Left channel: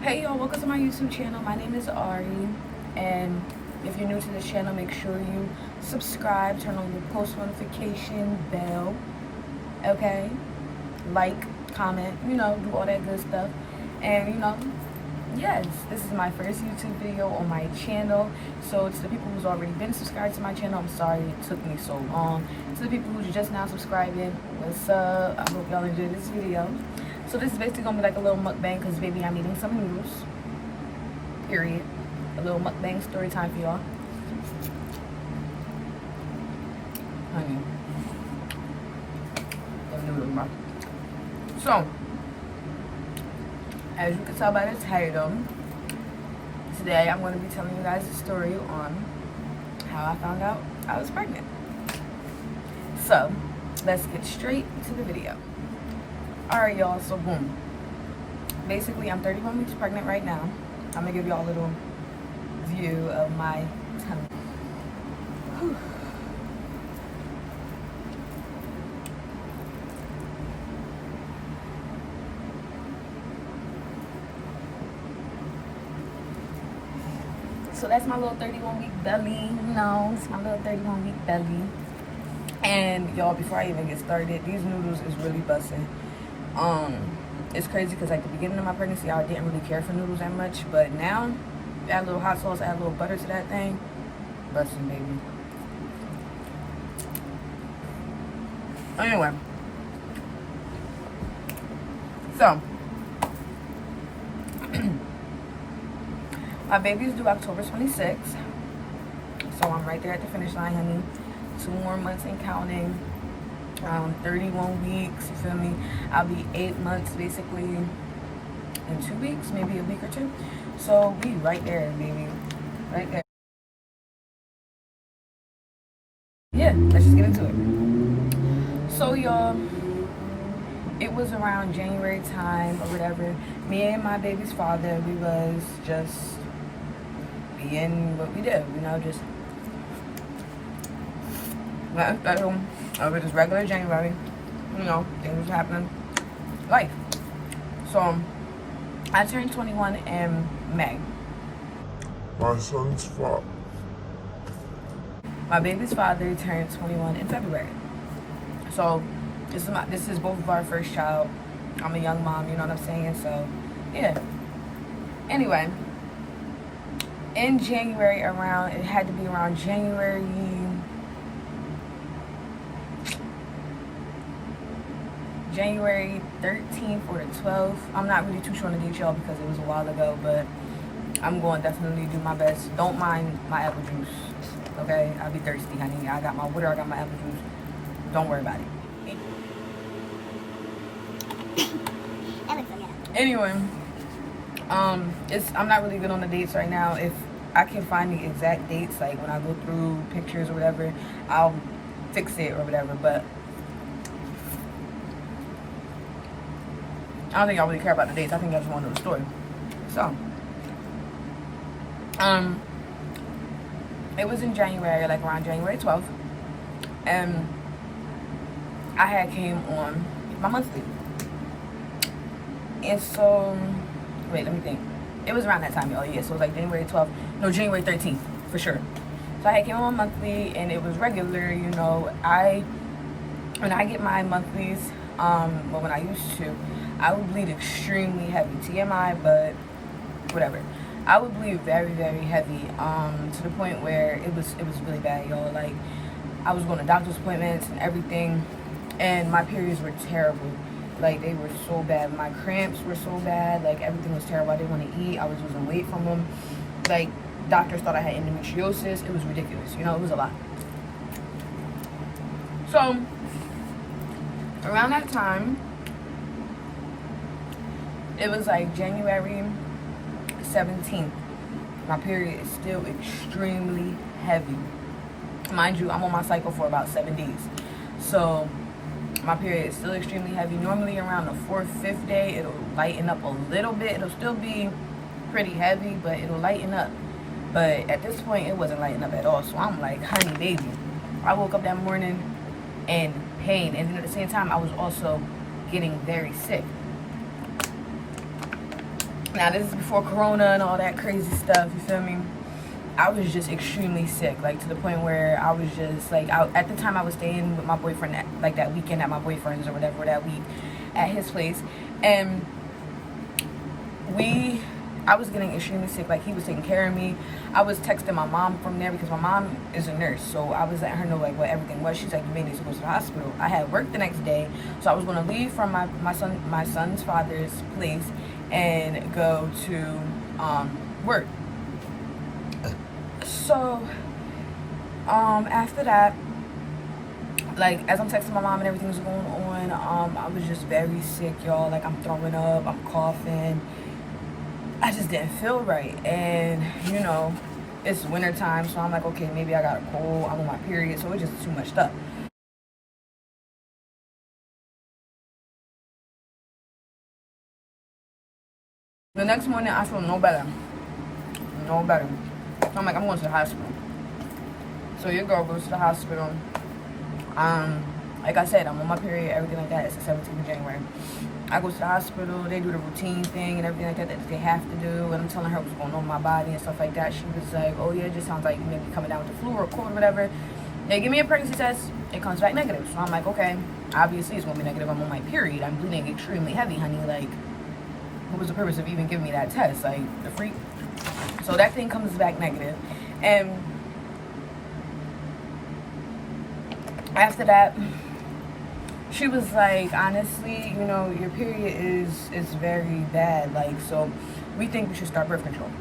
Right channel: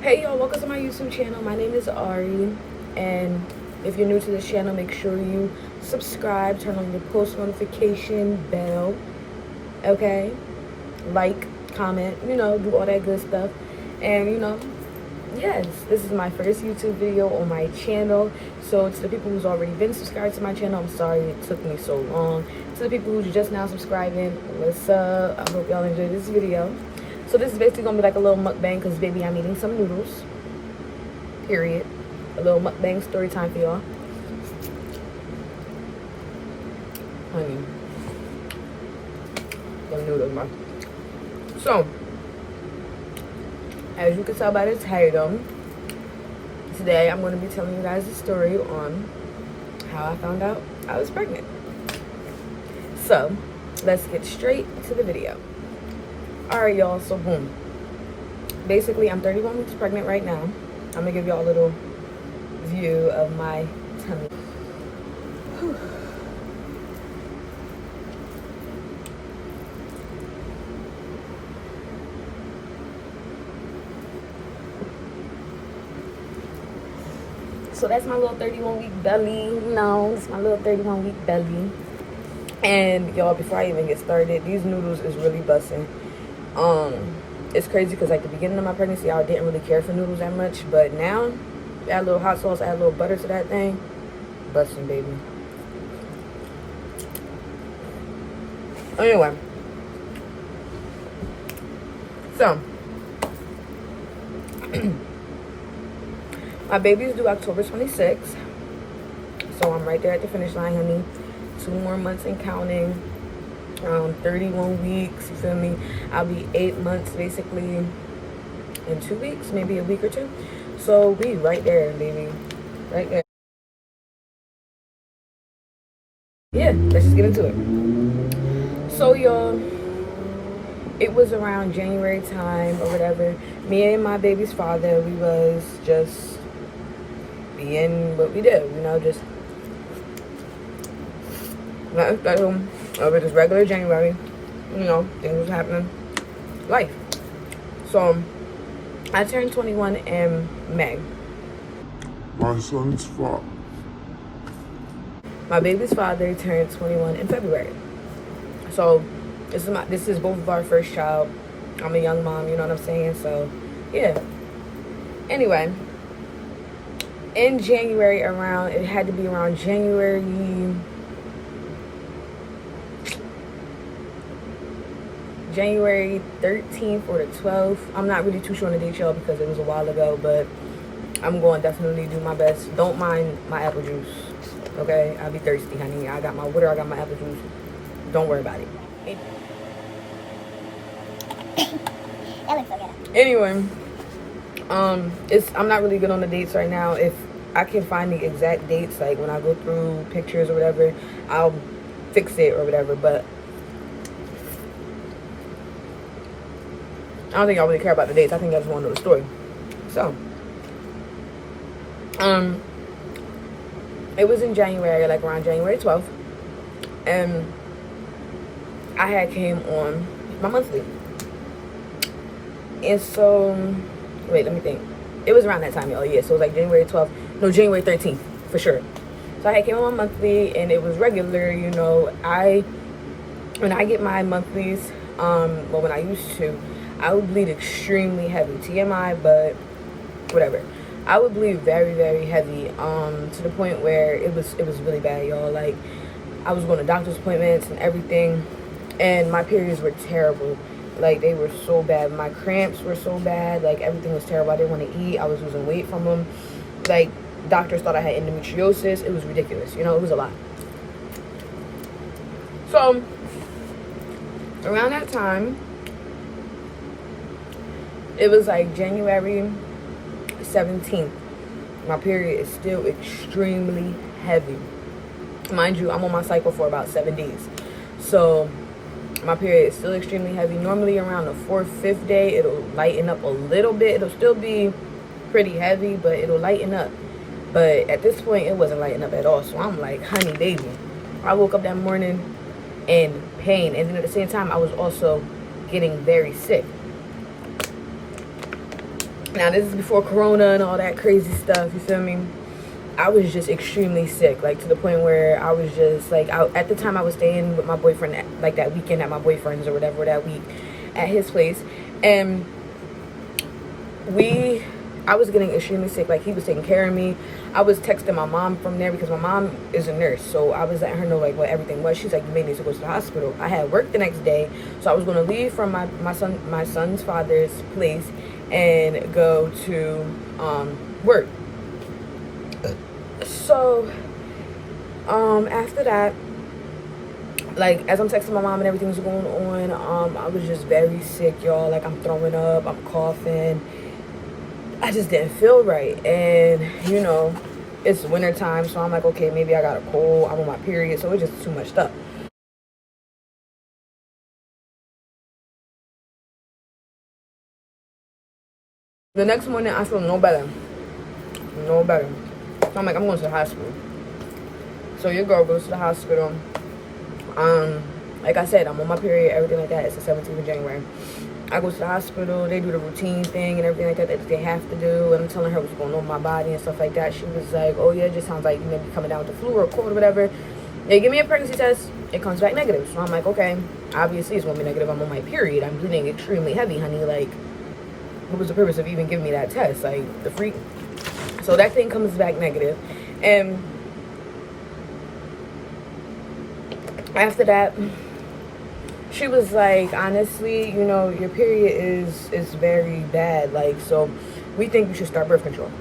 Hey y'all, welcome to my YouTube channel. My name is Arri, and if you're new to this channel, make sure you subscribe, turn on your post notification bell, okay? Like, comment, you know, do all that good stuff. And you know, yes, this is my first YouTube video on my channel. So to the people who's already been subscribed to my channel, I'm sorry it took me so long. To the people who's just now subscribing, what's up? I hope y'all enjoyed this video. So this is basically gonna be like a little mukbang because baby, I'm eating some noodles. Period. A little mukbang story time for y'all. Honey. Them noodles, bro. So, as you can tell by the title, today I'm going to be telling you guys a story on how I found out I was pregnant. So, let's get straight to the video. Alright y'all, so boom. Basically, I'm 31 weeks pregnant right now. I'm going to give y'all a little view of my tummy. Whew. So that's my little 31 week belly. No, it's my little 31 week belly. And y'all, before I even get started, these noodles is really busting. It's crazy because like the beginning of my pregnancy, I didn't really care for noodles that much, but now add a little hot sauce, add a little butter to that thing, busting, baby. Anyway, so my baby's due October 26th, so I'm right there at the finish line, honey. 2 more months and counting. 31 weeks, you feel me? I'll be 8 months basically in 2 weeks, maybe a week or 2. So we right there, baby, right there. Yeah, let's just get into it. So y'all, it was around January time or whatever. Me and my baby's father, we was just being what we do, you know, just nothing special. Over just regular January, you know, things was happening, life. So I turned 21 in May. My son's father. My baby's father turned 21 in February. So this is both of our first child. I'm a young mom, you know what I'm saying? So yeah. Anyway, in January, it had to be around January 13th or the 12th. I'm not really too sure on the date, y'all, because it was a while ago, but I'm going to definitely do my best. Don't mind my apple juice, okay? I'll be thirsty, honey. I got my water, I got my apple juice. Don't worry about it. That looks so good. Anyway, I'm not really good on the dates right now. If I can find the exact dates, like when I go through pictures or whatever, I'll fix it or whatever, but I don't think I really care about the dates. I think I just want to know the story. So, it was in January, like around January 12th, and I had came on my monthly. And so, wait, let me think. It was around that time, y'all. Yeah, so it was like January 12th. No, January 13th, for sure. So I had came on my monthly, and it was regular, you know. When I get my monthlies, well, when I used to, I would bleed extremely heavy. TMI, but whatever. I would bleed very, very heavy, to the point where it was really bad, y'all. Like, I was going to doctor's appointments and everything, and my periods were terrible. Like, they were so bad. My cramps were so bad. Like, everything was terrible. I didn't want to eat. I was losing weight from them. Like, doctors thought I had endometriosis. It was ridiculous. You know, it was a lot. So, around that time, it was like January 17th. My period is still extremely heavy. Mind you, I'm on my cycle for about 7 days. So my period is still extremely heavy. Normally around the 4th, 5th day, it'll lighten up a little bit. It'll still be pretty heavy, but it'll lighten up. But at this point, it wasn't lighting up at all. So I'm like, honey, baby. I woke up that morning in pain. And then at the same time, I was also getting very sick. Now, this is before Corona and all that crazy stuff. You feel me? I was just extremely sick. Like, to the point where I was just, like, at the time, I was staying with my boyfriend, like, that weekend at my boyfriend's or whatever, that week at his place. And I was getting extremely sick. Like, he was taking care of me. I was texting my mom from there because my mom is a nurse. So I was letting her know, like, what everything was. She's like, you may need to go to the hospital. I had work the next day. So I was going to leave from my son's father's place and go to work. So after that, like, as I'm texting my mom and everything's going on, I was just very sick, y'all. Like, I'm throwing up, I'm coughing. I just didn't feel right. And, you know, it's winter time, so I'm like, okay, maybe I got a cold. I'm on my period, so it's just too much stuff. The next morning, I feel no better. No better. So I'm like, I'm going to the hospital. So your girl goes to the hospital. Like I said, I'm on my period, everything like that. It's the 17th of January. I go to the hospital. They do the routine thing and everything like that they have to do. And I'm telling her what's going on in my body and stuff like that. She was like, oh, yeah, it just sounds like you may be coming down with the flu or a cold or whatever. They give me a pregnancy test. It comes back negative. So I'm like, okay, obviously it's going to be negative. I'm on my period. I'm bleeding extremely heavy, honey. Like, what was the purpose of even giving me that test? Like, the freak. So that thing comes back negative. And after that, she was like, honestly, you know, your period is very bad. Like, so we think you should start birth control.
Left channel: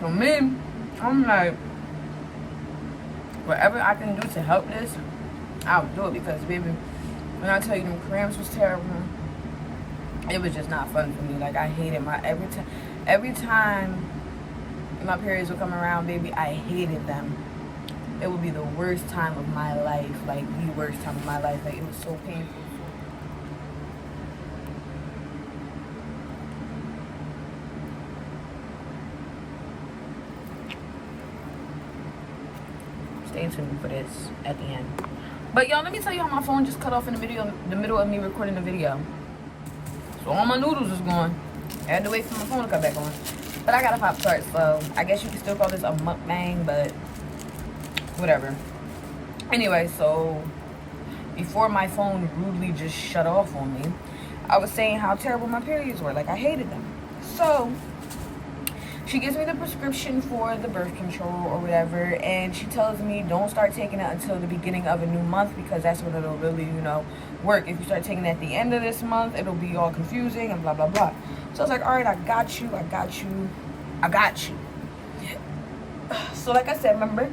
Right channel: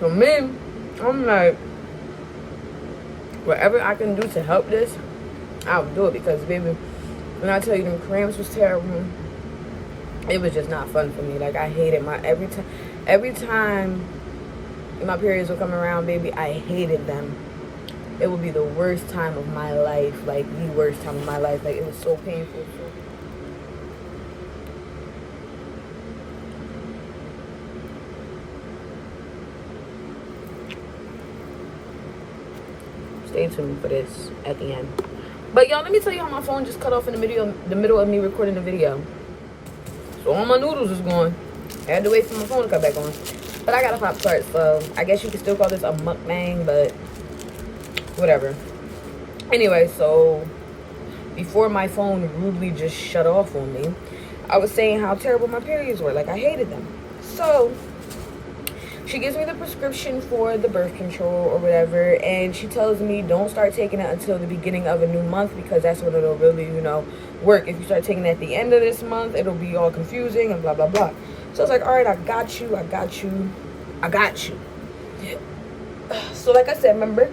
So me, I'm like, whatever I can do to help this, I'll do it. Because, baby, when I tell you them cramps was terrible, it was just not fun for me. Like, I hated every time my periods would come around, baby, I hated them. It would be the worst time of my life. Like, the worst time of my life. Like, it was so painful. Stay tuned for this at the end. But y'all, let me tell you how my phone just cut off in the middle of me recording the video. So all my noodles is gone. I had to wait for my phone to come back on. But I got a pop tart, so I guess you could still call this a mukbang, but whatever. Anyway, so before my phone rudely just shut off on me, I was saying how terrible my periods were. Like, I hated them. So she gives me the prescription for the birth control or whatever, and she tells me don't start taking it until the beginning of a new month, because that's when it'll really, you know, work. If you start taking it at the end of this month, it'll be all confusing and blah, blah, blah. So I was like, all right, I got you. So like I said, remember,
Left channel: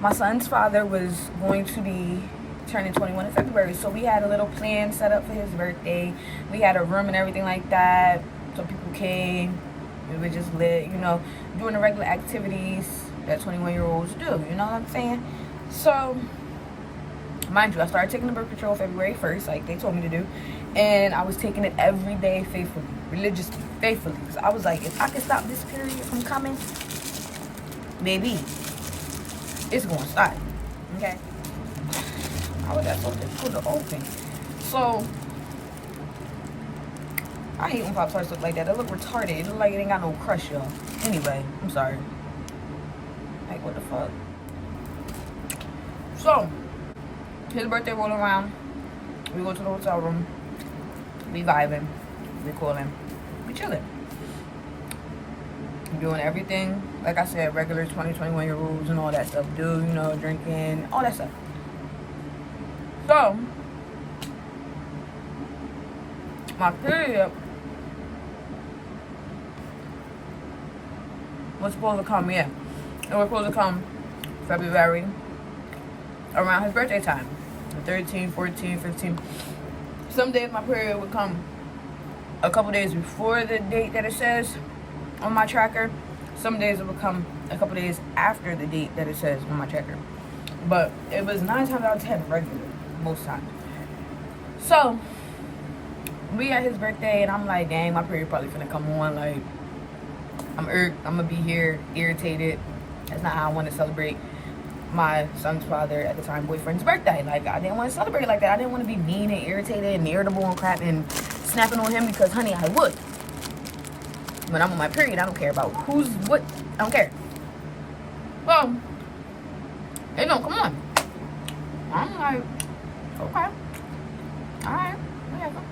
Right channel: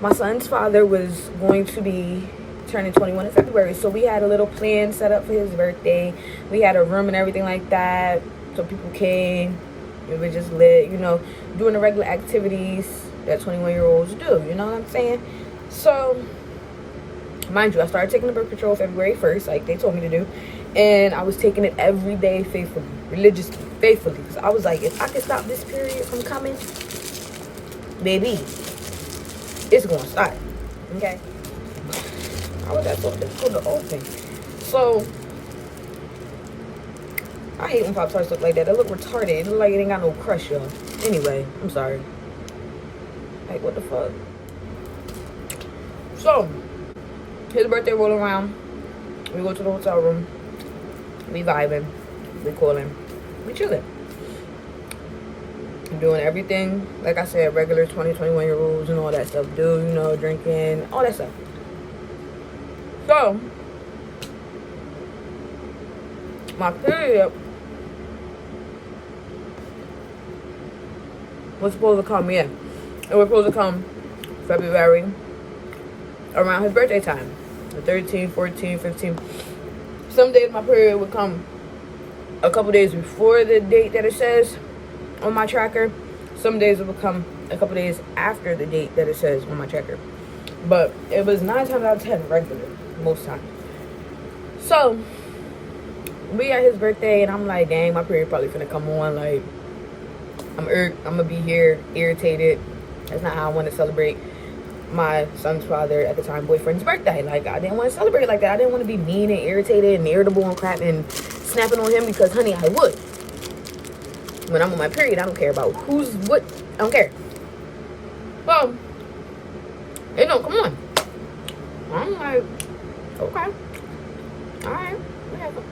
my son's father was going to be turning 21 in February. So we had a little plan set up for his birthday. We had a room and everything like that. So people came. We were just lit, you know, doing the regular activities that 21-year-olds do. You know what I'm saying? So, mind you, I started taking the birth control February 1st, like they told me to do. And I was taking it every day faithfully, religiously, faithfully. Because I was like, if I can stop this period from coming, baby, it's going to start. Okay? How was that so difficult to open? So, I hate when Pop Tarts look like that. They look retarded. It look like it ain't got no crust, y'all. Anyway, I'm sorry. Like, what the fuck? So, his birthday roll around. We go to the hotel room. We vibing. We cooling. We chilling. Doing everything, like I said, regular 21-year-olds and all that stuff do, you know, drinking, all that stuff. So, my period was supposed to come, yeah. It was supposed to come February, around his birthday time. The 13th, 14th, 15th. Some days my period would come a couple days before the date that it says on my tracker. Some days it would come a couple days after the date that it says on my tracker. But it was 9 times out of 10 regular, most times. So we at his birthday, and I'm like, dang, my period probably finna come on. Like, I'm gonna be here irritated. That's not how I want to celebrate my son's father, at the time boyfriend's birthday. Like, I didn't want to celebrate like that. I didn't want to be mean and irritated and irritable and crap and snapping on him, because honey, I would. When I'm on my period, I don't care about who's what. I don't care. Well, it don't come on. I'm like, okay, all right, whatever.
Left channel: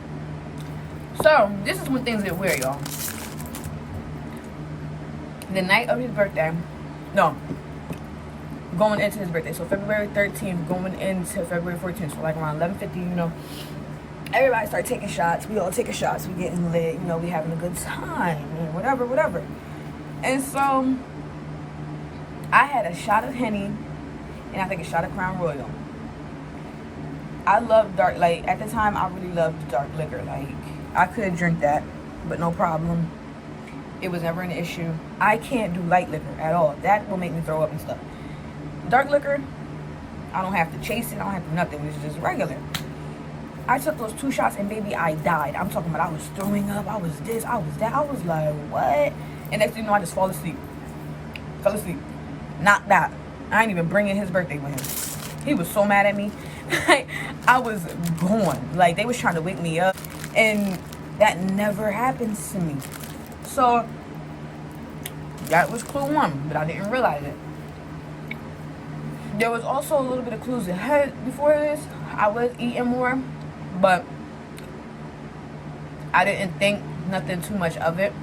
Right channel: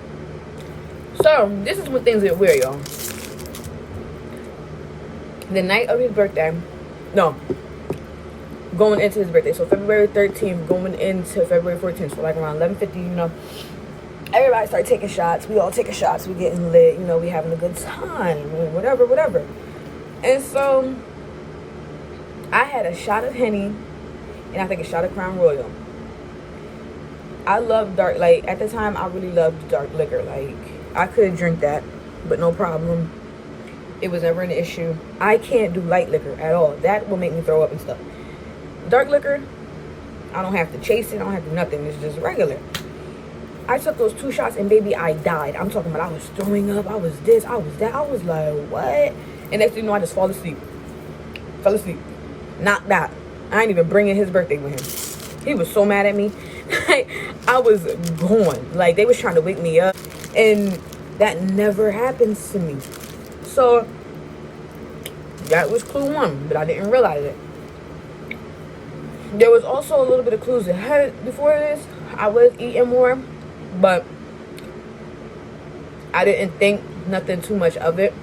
So this is when things get weird, y'all. The night of his birthday, no, going into his birthday, so February 13th going into February 14th, so like around 11:50, you know, everybody started taking shots. We all taking shots. We getting lit, you know, we having a good time, and whatever. And so I had a shot of Henny, and I think a shot of Crown Royal. I love dark, like, at the time, I really loved dark liquor. Like, I could drink that, but no problem. It was never an issue. I can't do light liquor at all. That will make me throw up and stuff. Dark liquor, I don't have to chase it. I don't have to do nothing. It's just regular. I took those 2 shots, and baby, I died. I'm talking about I was throwing up. I was this. I was that. I was like, what? And next thing you know, I just fall asleep. Fell asleep. Knocked out. I ain't even bringing his birthday with him. He was so mad at me. I was gone. Like, they was trying to wake me up. And that never happens to me. So that was clue 1, but I didn't realize it. There was also a little bit of clues ahead before this. I was eating more, but I didn't think nothing too much of it.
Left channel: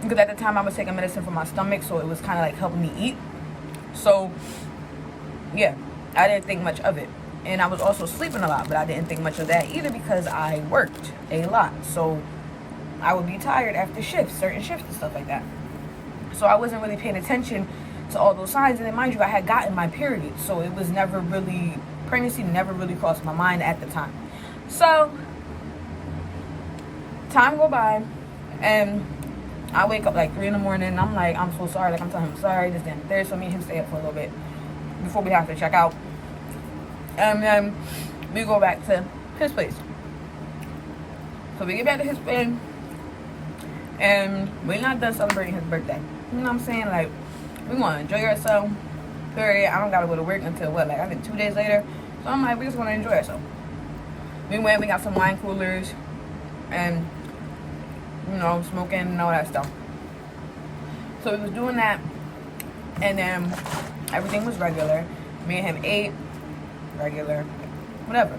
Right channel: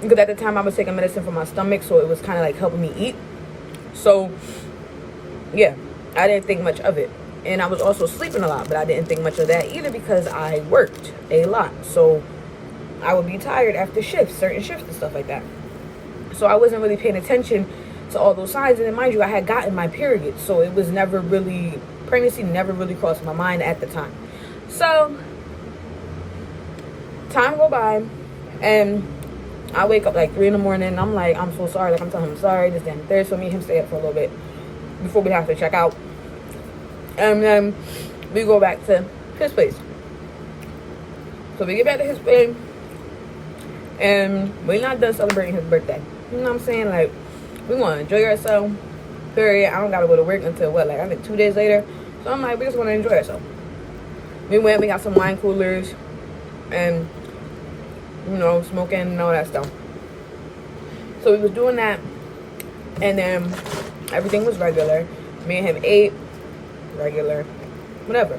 Because at the time I was taking medicine for my stomach, so it was kind of like helping me eat. So yeah, I didn't think much of it. And I was also sleeping a lot, but I didn't think much of that either, because I worked a lot. So I would be tired after shifts, certain shifts and stuff like that. So I wasn't really paying attention to all those signs. And then, mind you, I had gotten my period. So it was never really, pregnancy never really crossed my mind at the time. So time go by, and I wake up like 3 in the morning, and I'm like, I'm so sorry. Like, I'm telling him I'm sorry, this, that, and third. So me and him stay up for a little bit before we have to check out. And then we go back to his place. So we get back to his place, and we're not done celebrating his birthday. You know what I'm saying? Like, we want to enjoy ourselves, period. I don't got to go to work until, what, like, I think 2 days later. So I'm like, we just want to enjoy ourselves. We went, we got some wine coolers, and, you know, smoking and all that stuff. So we was doing that, and then everything was regular. Me and him ate, regular, whatever.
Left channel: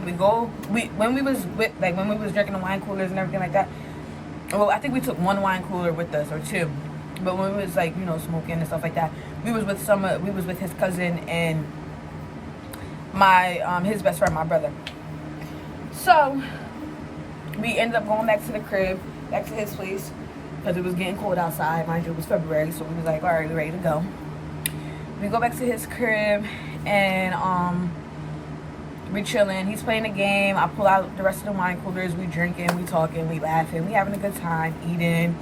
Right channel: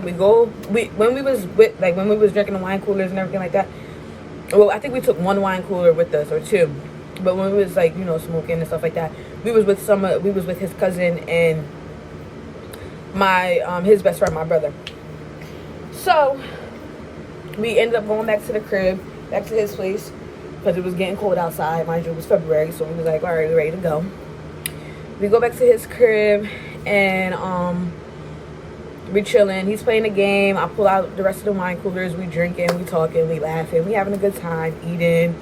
When we was drinking the wine coolers and everything like that, well, I think we took 1 wine cooler with us, or 2. But when we was, like, you know, smoking and stuff like that, we was with his cousin and my his best friend, my brother. So we ended up going back to the crib, back to his place, because it was getting cold outside. Mind you, it was February, so we was like, all right, we're ready to go. We go back to his crib, and we chilling. He's playing the game. I pull out the rest of the wine coolers. We drinking, we talking, we laughing, we having a good time, eating.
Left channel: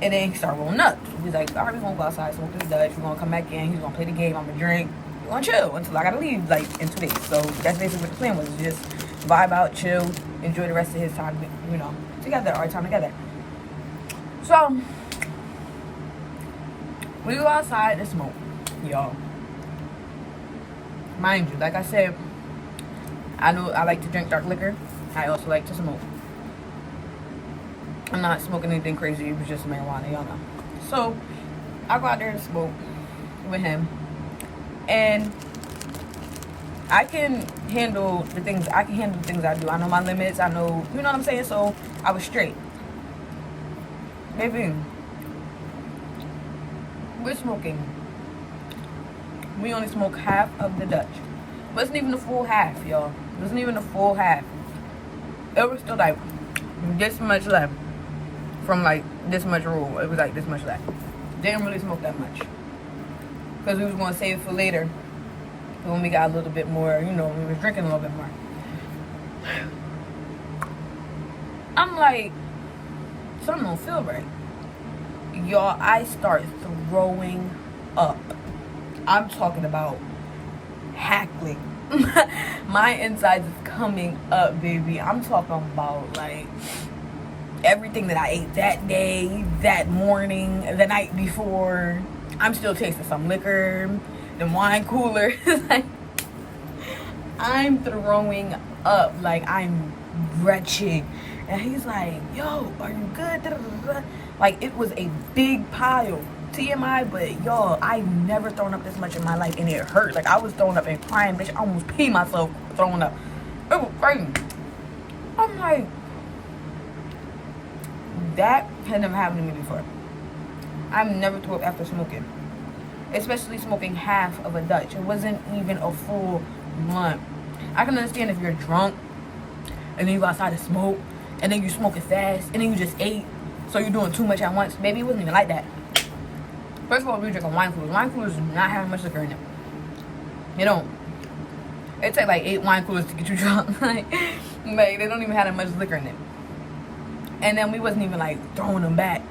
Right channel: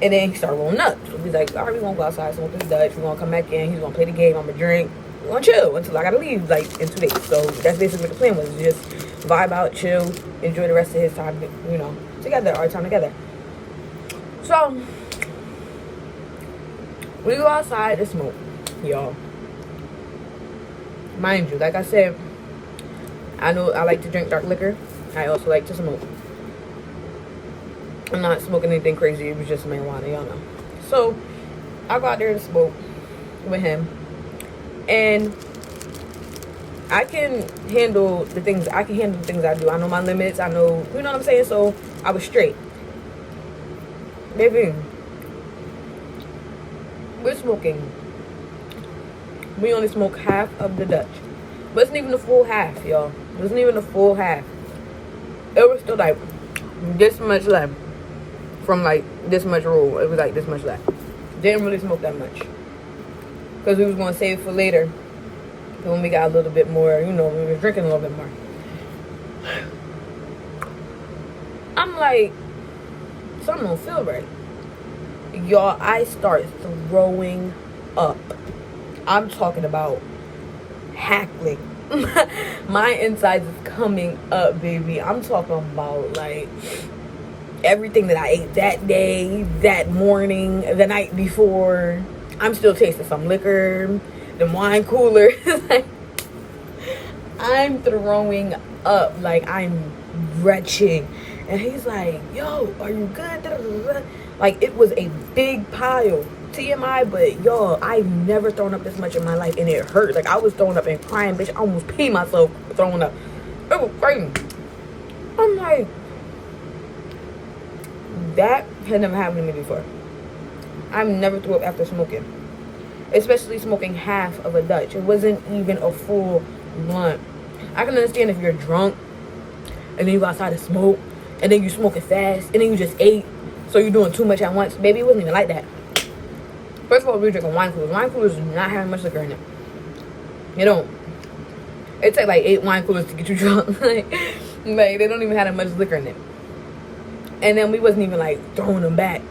And then he started rolling up. So we like, all right, we gonna go outside, smoke this Dutch. We're gonna come back in. He's gonna play the game. I'm gonna drink. We're gonna chill until I gotta leave, like, in 2 days. So that's basically what the plan was. Just vibe out, chill, enjoy the rest of his time, you know, together, our time together. So we go outside to smoke, y'all. Mind you, like I said, I know I like to drink dark liquor. I also like to smoke. I'm not smoking anything crazy. It was just marijuana, y'all know. So I go out there to smoke with him, and I can handle the things I do. I know my limits. I know, you know what I'm saying? So I was straight. Baby, we're smoking. We only smoke half of the Dutch. But it's not even the full half, y'all. It wasn't even the full half. It was still like this much left from like this much roll. It was like this much left. Didn't really smoke that much, because we was going to save it for later. And when we got a little bit more, you know, we were drinking a little bit more. I'm like, something don't feel right. Y'all, I start throwing up. I'm talking about hackling. My insides is coming up, baby. I'm talking about like everything that I ate that day, that morning, the night before. I'm still tasting some liquor, the wine cooler. Like, I'm throwing up. Like, I'm wretched. And he's like, yo, are you good? Like, it was a big pile. TMI, but y'all, I've never thrown up this much in my life, and it hurt. Like, I was throwing up and crying, bitch. I almost peed myself throwing up. It was crazy. I'm like, that had never happened to me before. I've never threw up after smoking, especially smoking half of a Dutch. It wasn't even a full blunt. I can understand if you're drunk and then you go outside to smoke and then you smoke it fast and then you just ate, so you're doing too much at once. Baby, it wasn't even like that. First of all, we were drinking wine coolers. Wine coolers do not have much liquor in them. You don't. It takes like 8 wine coolers to get you drunk. like they don't even have that much liquor in them. And then we wasn't even like throwing them back.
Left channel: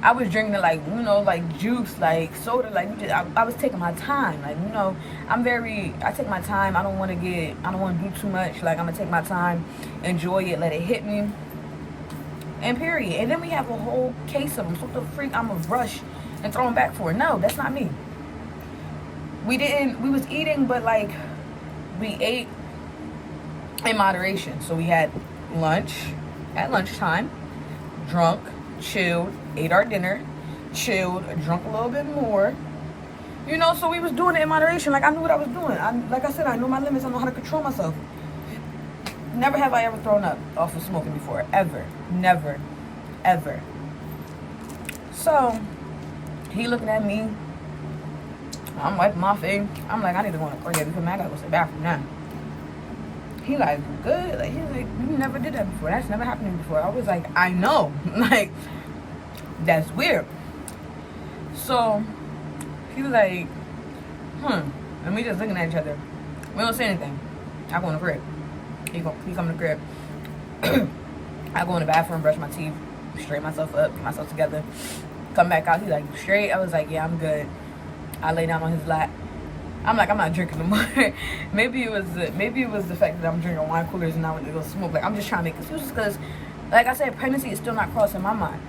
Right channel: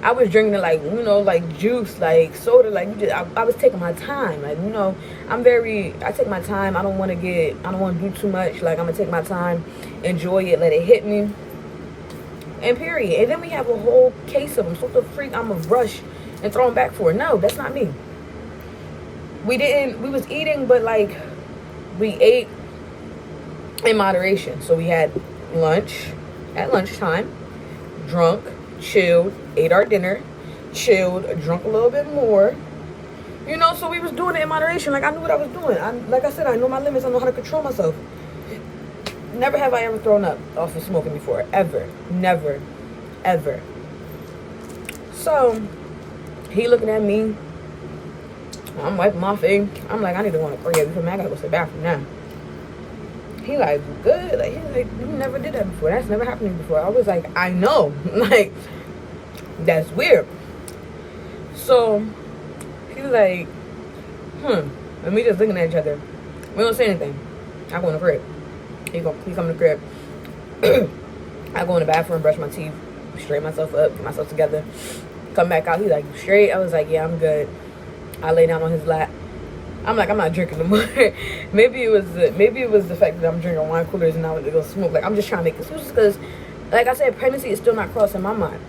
I was drinking it like, you know, like juice, like soda, like I was taking my time. Like, you know, I take my time. I don't want to do too much. Like, I'm gonna take my time, enjoy it, let it hit me, and period. And then we have a whole case of them. So what the freak I'm gonna rush and throw them back for? No, that's not me. We was eating, but like, we ate in moderation. So we had lunch at lunchtime, drunk, chilled, ate our dinner, chilled, drunk a little bit more. You know, so we was doing it in moderation. Like, I knew what I was doing. Like I said, I know my limits. I know how to control myself. Never have I ever thrown up off of smoking before. Ever. Never. Ever. So, he looking at me. I'm wiping my face. I'm like, I need to go in the crib. You feel me? I gotta go to the bathroom now. He like, good. Like, he's like, you never did that before. That's never happened to me before. I was like, I know. Like, that's weird. So he was like, and we just looking at each other. We don't say anything. I go in the crib. He come in the crib. I go in the bathroom, brush my teeth, straighten myself up, get myself together, come back out. He's like, straight. I was like, yeah, I'm good. I lay down on his lap. I'm like, I'm not drinking no more. maybe it was the fact that I'm drinking wine coolers and I went to go smoke. Like, I'm just trying to make excuses because, like I said, pregnancy is still not crossing my mind.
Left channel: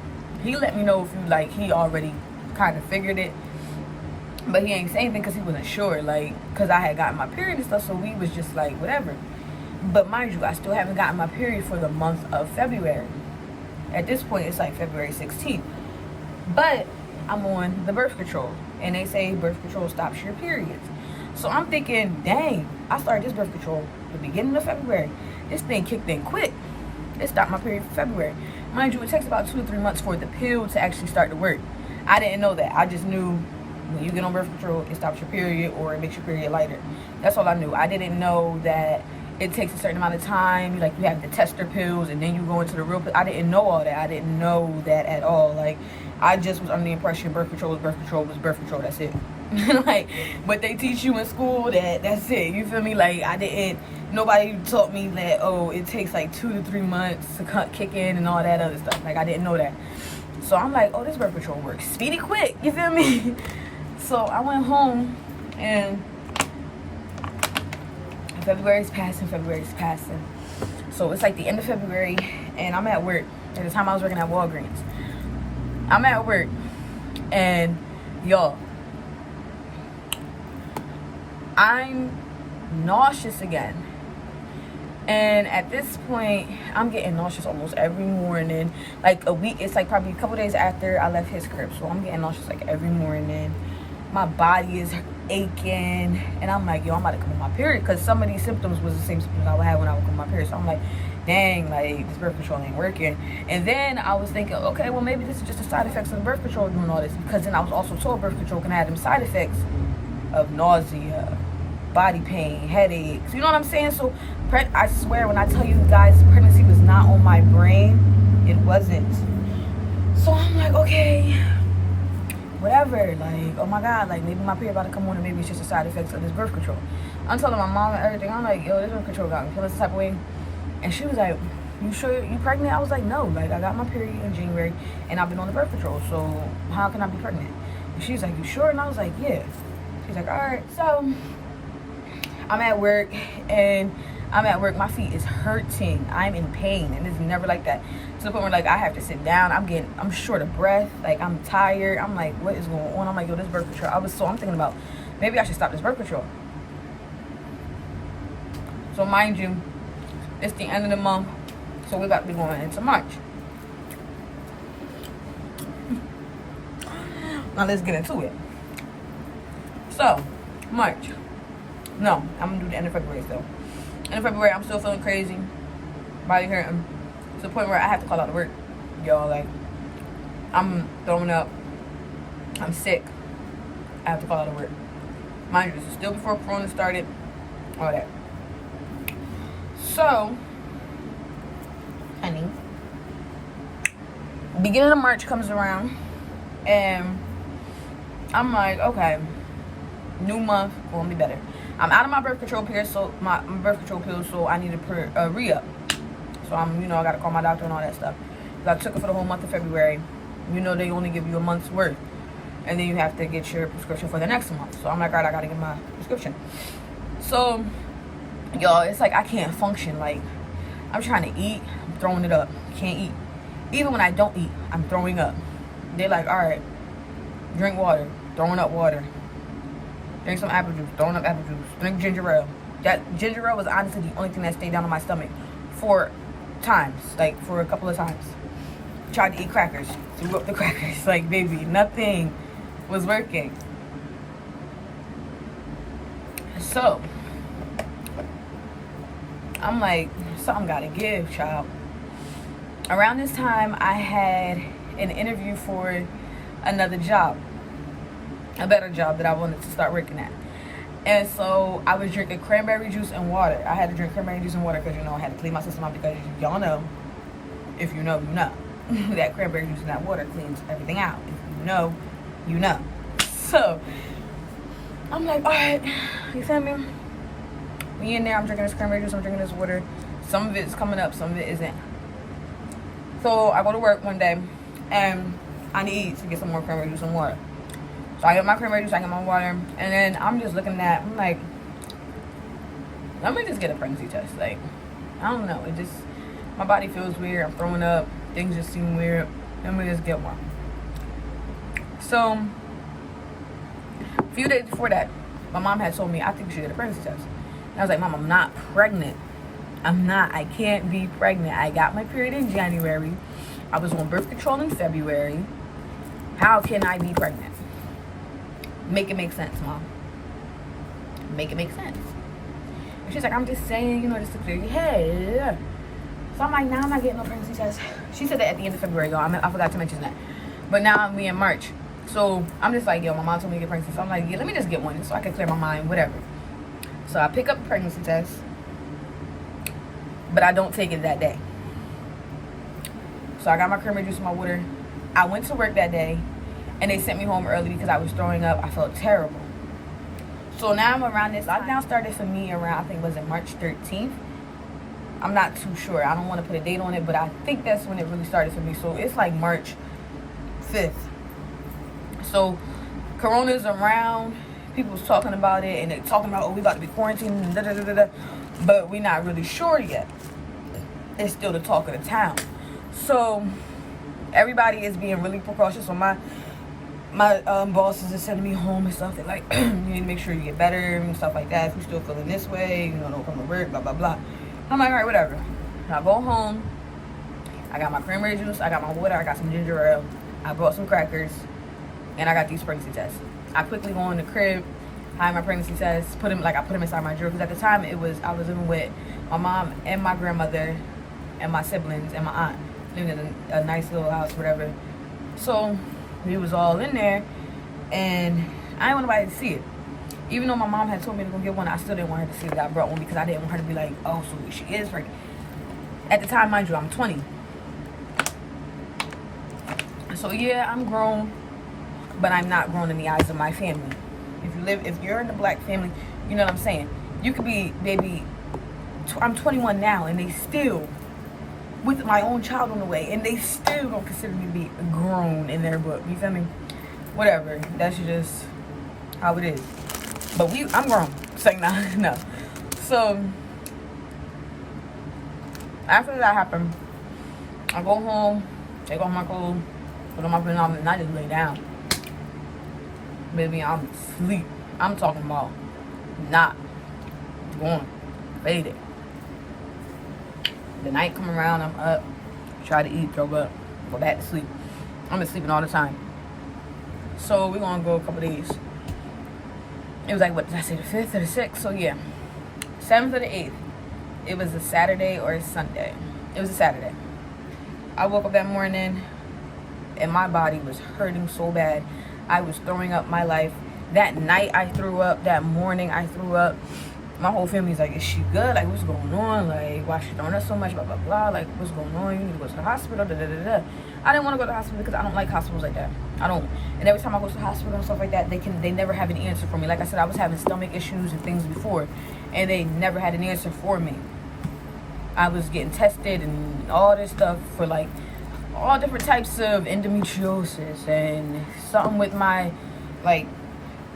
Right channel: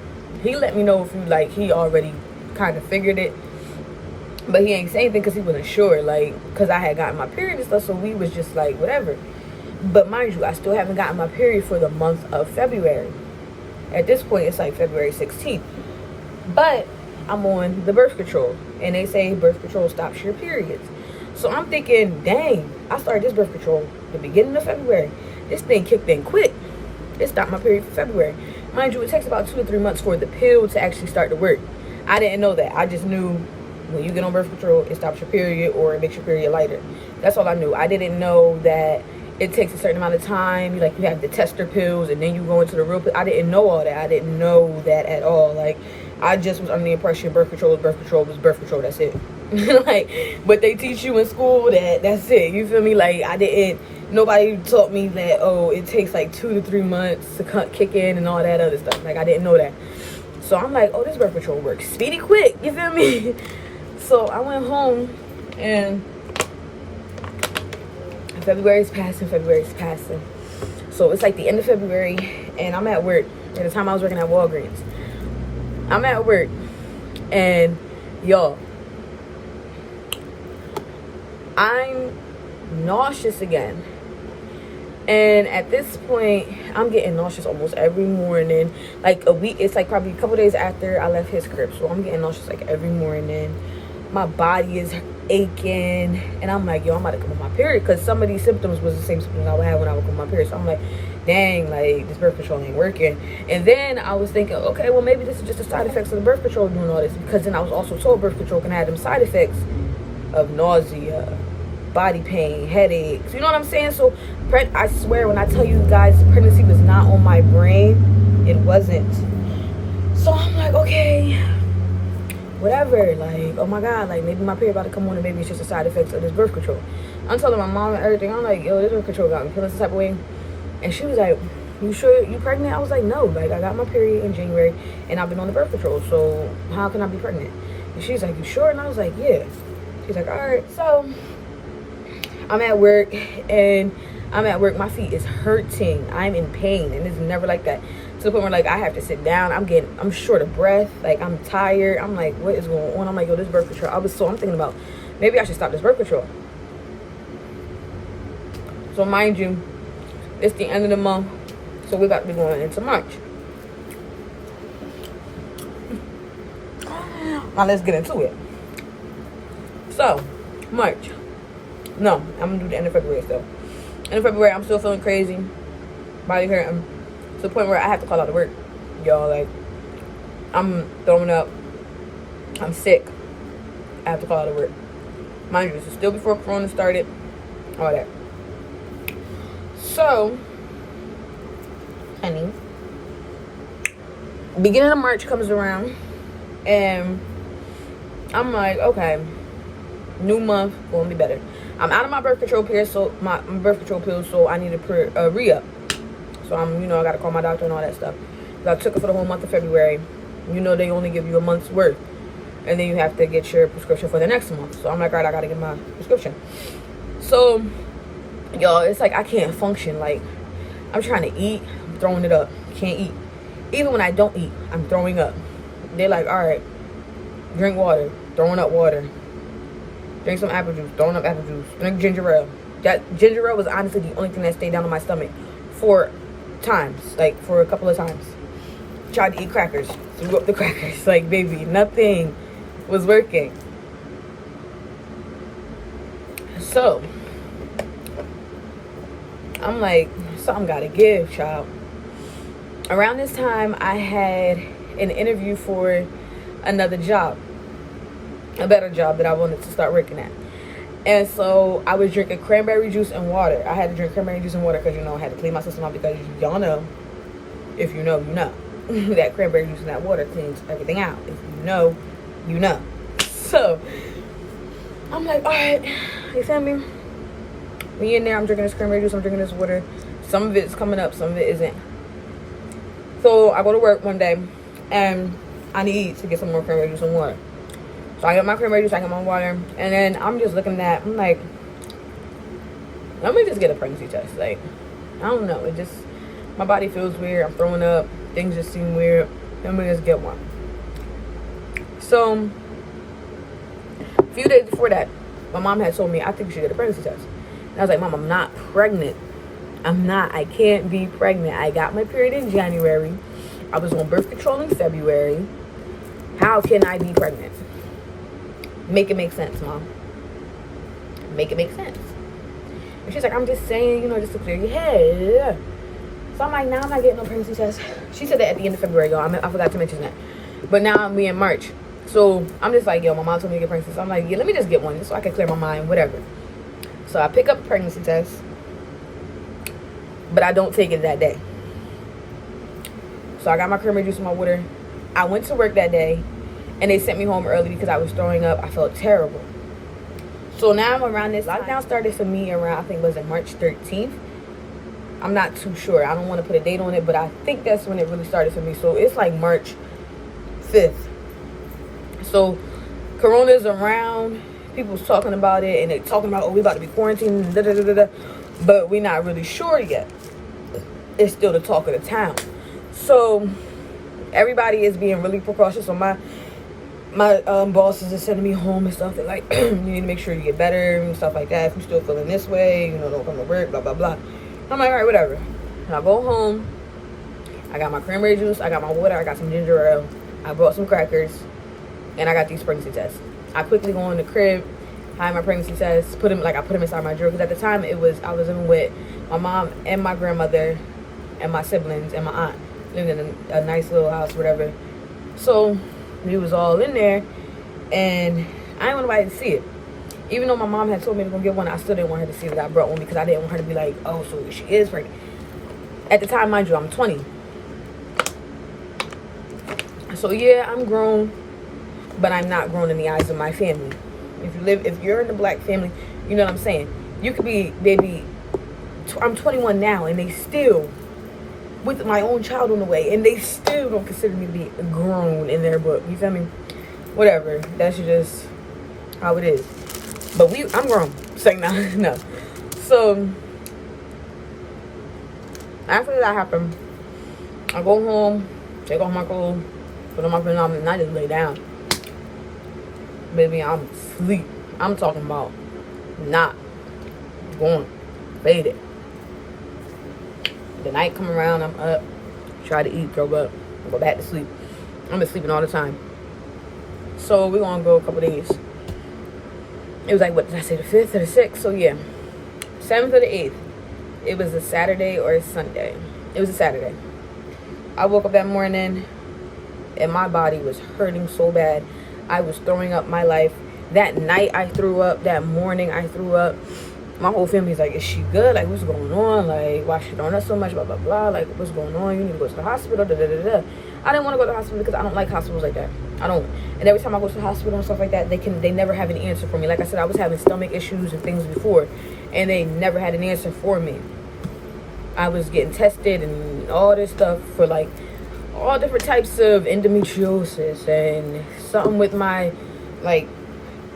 He let me know he already kind of figured it, but he ain't saying anything because he wasn't sure, like, because I had gotten my period and stuff, so we was just like, whatever. But mind you, I still haven't gotten my period for the month of February. At this point, it's like February 16th. But I'm on the birth control, and they say birth control stops your periods. So I'm thinking, dang, I started this birth control the beginning of February. This thing kicked in quick. It stopped my period for February. Mind you, it takes about 2 to 3 months for the pill to actually start to work. I didn't know that. I just knew when you get on birth control, it stops your period or it makes your period lighter. That's all I knew. I didn't know that it takes a certain amount of time. You have the tester pills and then you go into the real pill. I didn't know all that. I didn't know that at all. Like, I just was under the impression birth control was birth control was birth control. That's it. Like, but they teach you in school that's it. You feel me? Like, nobody taught me that, oh, it takes like 2 to 3 months to kick in and all that other stuff. Like, I didn't know that. So I'm like, oh, this birth control works speedy quick. You feel me? So I went home and February's passing. So it's like the end of February and I'm at work. At the time I was working at Walgreens. I'm at work and y'all, I'm nauseous again. And at this point, I'm getting nauseous almost every morning. Like a week, it's like probably a couple days after I left his crib. So I'm getting nauseous like every morning. My body is aching. And I'm like, yo, I'm about to come on my period. Because some of these symptoms was the same symptoms I would have when I would come on my period. So I'm like, dang, like this birth control ain't working. And then I was thinking, okay, well maybe this is just the side effects of the birth control doing all this. Because then I was also told birth control can have them side effects of nausea, body pain, headaches, you know what I'm saying? So I swear when I tell you guys pregnancy was not on my brain, it wasn't. So I'm like, okay, whatever, like, oh my god, like maybe my period about to come on and maybe it's just the side effects of this birth control. I'm telling my mom and everything. I'm like, yo, this birth control got me feeling some type of way. And she was like, you sure you pregnant? I was like, no, like I got my period in January and I've been on the birth control, so how can I be pregnant? And she's like, you sure? And I was like, yeah. She's like, all right. So I'm at work, and my feet is hurting. I'm in pain, and it's never like that, to the point where like I have to sit down. I'm short of breath, like I'm tired. I'm like, what is going on? I'm like, yo, this birth control. I'm thinking about maybe I should stop this birth control. So mind you, it's the end of the month, so we're about to be going into March. Now let's get into it. So March. No, I'm gonna do the end of February still. End of February, I'm still feeling crazy, body hurting, to the point where I have to call out to work. Y'all, like, I'm throwing up, I'm sick, I have to call out to work. Mind you, this is still before Corona started, all that. So, honey, beginning of March comes around, and I'm like, okay, new month, gonna be better. I'm out of my birth control pills, so my birth control pills, so I need to re-up. So I'm, I gotta call my doctor and all that stuff. So I took it for the whole month of February. They only give you a month's worth, and then you have to get your prescription for the next month. So I'm like, all right, I gotta get my prescription. So, y'all, it's like I can't function. Like, I'm trying to eat, I'm throwing it up. Can't eat. Even when I don't eat, I'm throwing up. They're like, all right, drink water, throwing up water. Drink some apple juice, throwing up apple juice. Drink ginger ale. That ginger ale was honestly the only thing that stayed down on my stomach for a couple of times. Tried to eat crackers, threw up the crackers. Like, baby, nothing was working. So, I'm like, something gotta give, child. Around this time, I had an interview for another job. A better job that I wanted to start working at. And so I was drinking cranberry juice and water. I had to drink cranberry juice and water because, I had to clean my system out, because y'all know, if you know, you know, that cranberry juice and that water cleans everything out. If you know, you know. So I'm like, all right, you feel me? We in there, I'm drinking this cranberry juice, I'm drinking this water. Some of it's coming up, some of it isn't. So I go to work one day, and I need to get some more cranberry juice and water. So I get my cranberry juice, I get my water, and then I'm just looking at, I'm like, let me just get a pregnancy test. Like, I don't know, my body feels weird, I'm throwing up, things just seem weird, let me just get one. So, a few days before that, my mom had told me, I think you should get a pregnancy test. And I was like, Mom, I'm not pregnant. I can't be pregnant. I got my period in January. I was on birth control in February. How can I be pregnant? Make it make sense, Mom. Make it make sense. And she's like, I'm just saying, just to clear your head. So I'm like, nah, I'm not getting no pregnancy test. She said that at the end of February, y'all. I forgot to mention that. But now we in March. So I'm just like, yo, my mom told me to get pregnancy. So I'm like, yeah, let me just get one just so I can clear my mind, whatever. So I pick up a pregnancy test. But I don't take it that day. So I got my cranberry juice and my water. I went to work that day. And they sent me home early because I was throwing up. I felt terrible. So now I'm around this. Lockdown started for me around, I think, was it March 13th? I'm not too sure. I don't want to put a date on it, but I think that's when it really started for me. So it's like March 5th. So Corona's around. People's talking about it. And they're talking about, we about to be quarantined. Da, da, da, da, da. But we're not really sure yet. It's still the talk of the town. So everybody is being really precautious. So my bosses are sending me home and stuff. They're like, you need to make sure you get better and stuff like that. If you're still feeling this way, don't come to work, blah, blah, blah. I'm like, all right, whatever. And I go home. I got my cranberry juice. I got my water. I got some ginger ale. I brought some crackers. And I got these pregnancy tests. I quickly go in the crib, hide my pregnancy tests, I put them inside my drawer. Because at the time, I was living with my mom and my grandmother and my siblings and my aunt. Living in a nice little house, whatever. So we was all in there, and I didn't want nobody to see it. Even though my mom had told me to go get one, I still didn't want her to see that I brought one, because I didn't want her to be like, oh, so she is pregnant. At the time, mind you, I'm 20. So yeah, I'm grown, but I'm not grown in the eyes of my family. If you're in the black family, you know what I'm saying? You could be, baby, I'm 21 now, and they still with my own child on the way, and they still don't consider me to be grown in their book. You feel me? Whatever. That's just how it is. But I'm grown. Saying no, no. So after that happened, I go home, take off my clothes, put on my pajamas, and I just lay down. Baby, I'm asleep. I'm talking about not going, faded. The night come around, I'm up, try to eat, throw up, go back to sleep. I've been sleeping all the time. So we're gonna go a couple days. It was like, what did I say, the 5th or the 6th? So yeah, 7th or the 8th. It was a Saturday or a Sunday. It was a Saturday. I woke up that morning and my body was hurting so bad. I was throwing up my life. That night I threw up. That morning I threw up. My whole family's like, is she good? Like, what's going on? Like, why is she throwing up so much? Blah, blah, blah. Like, what's going on? You need to go to the hospital. Da, da, da, da. I didn't want to go to the hospital because I don't like hospitals like that. I don't. And every time I go to the hospital and stuff like that, they never have an answer for me. Like I said, I was having stomach issues and things before, and they never had an answer for me. I was getting tested and all this stuff for like all different types of endometriosis and something with my like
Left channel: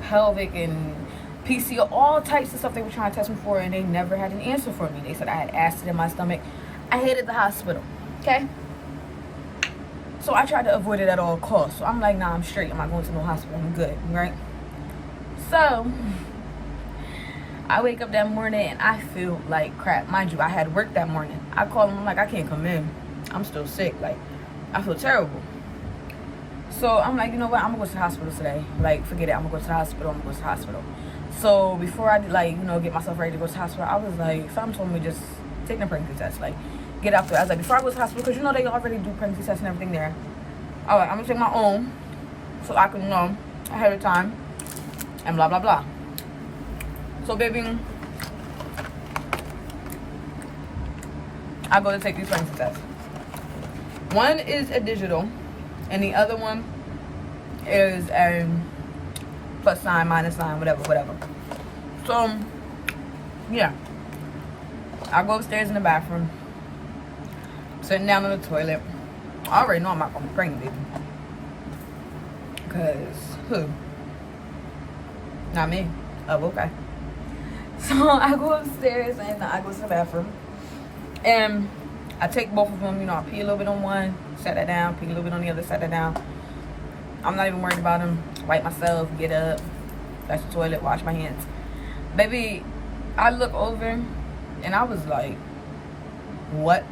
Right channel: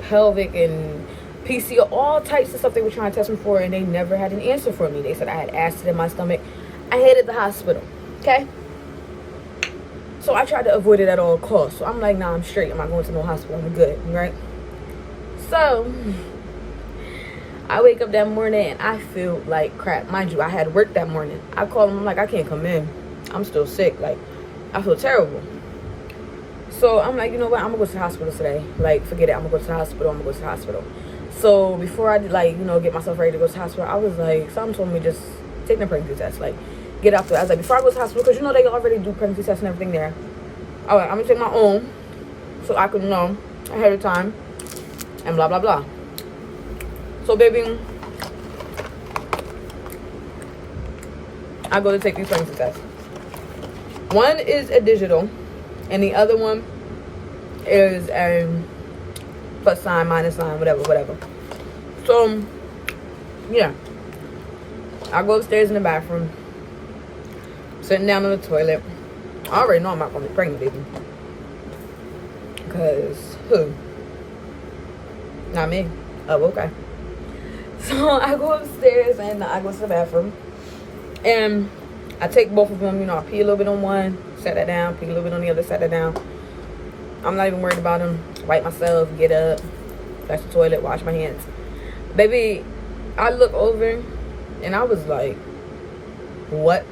pelvic and PCO, all types of stuff they were trying to test me for, and they never had an answer for me. They said I had acid in my stomach. I hated the hospital, okay? So I tried to avoid it at all costs. So I'm like, nah, I'm straight. I'm not going to no hospital. I'm good, right? So I wake up that morning and I feel like crap. Mind you, I had work that morning. I called them. I'm like, I can't come in. I'm still sick. Like, I feel terrible. So I'm like, you know what? I'm going to go to the hospital today. Like, forget it. I'm going to go to the hospital. I'm going to go to the hospital. So before I, like, you know, get myself ready to go to the hospital, I was like, something told me just take the pregnancy test. Like, get after it. I was like, before I go to the hospital, because, you know, they already do pregnancy tests and everything there. All right, I'm going to take my own so I can know ahead of time and blah, blah, blah. So, baby, I go to take these pregnancy tests. One is a digital, and the other one is a plus sign, minus sign, whatever. So, yeah. I go upstairs in the bathroom, sitting down on the toilet. I already know I'm not going to be pregnant, baby. Because, who? Not me. Oh, okay. So, I go upstairs and I go to the bathroom. And I take both of them, you know, I pee a little bit on one, set that down, pee a little bit on the other, set that down. I'm not even worried about them. Wipe myself, get up, flush the toilet, wash my hands. Baby, I look over and I was like, what?